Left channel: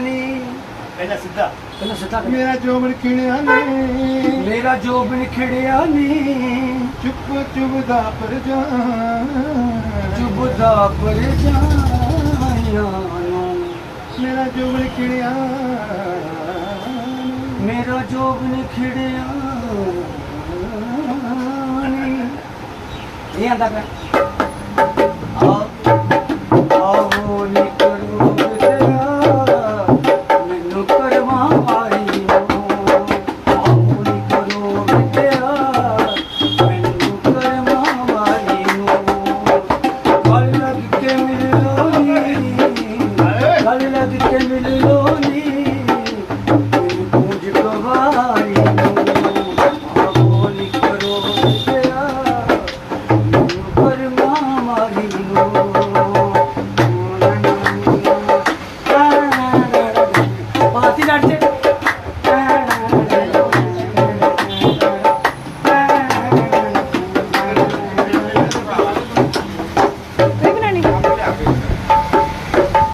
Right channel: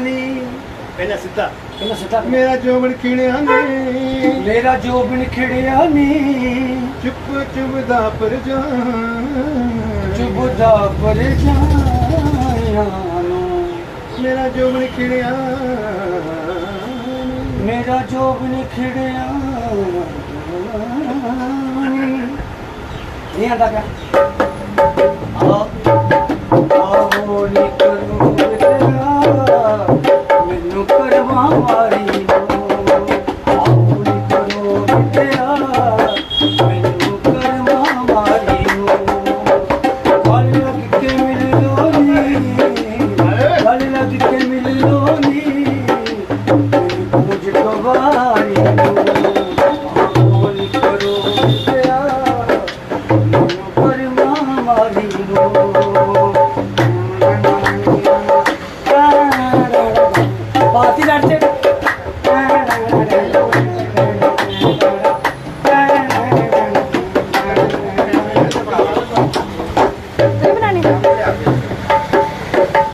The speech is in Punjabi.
ਨੀ ਪਹਿਲਾਂ ਸਿੱਧਾ। ਪਹਿਲਾਂ ਸਿੱਧਾ। ਮੇਰਾ ਜੋਬਨ ਕਿਣਿਆ ਨੇ। ਮੇਰਾ ਜੋ ਬਿਨ ਖਿੜਿਆ ਨੀ। ਚੁੱਪ ਚੁੱਪਦਾ ਪਰ ਜਾ ਚੁਬਦਾ ਪਰ ਜਾਇਆ ਨੂੰ ਮੇਰਾ ਜੋਬਨ ਕਿਣਿਆ ਮੇਰਾ ਜੋ ਬਿਨ ਖਿੜਿਆ ਨੀ। ਇਹ ਆਂਦਾ ਪਿਆ। ਆ তিন আট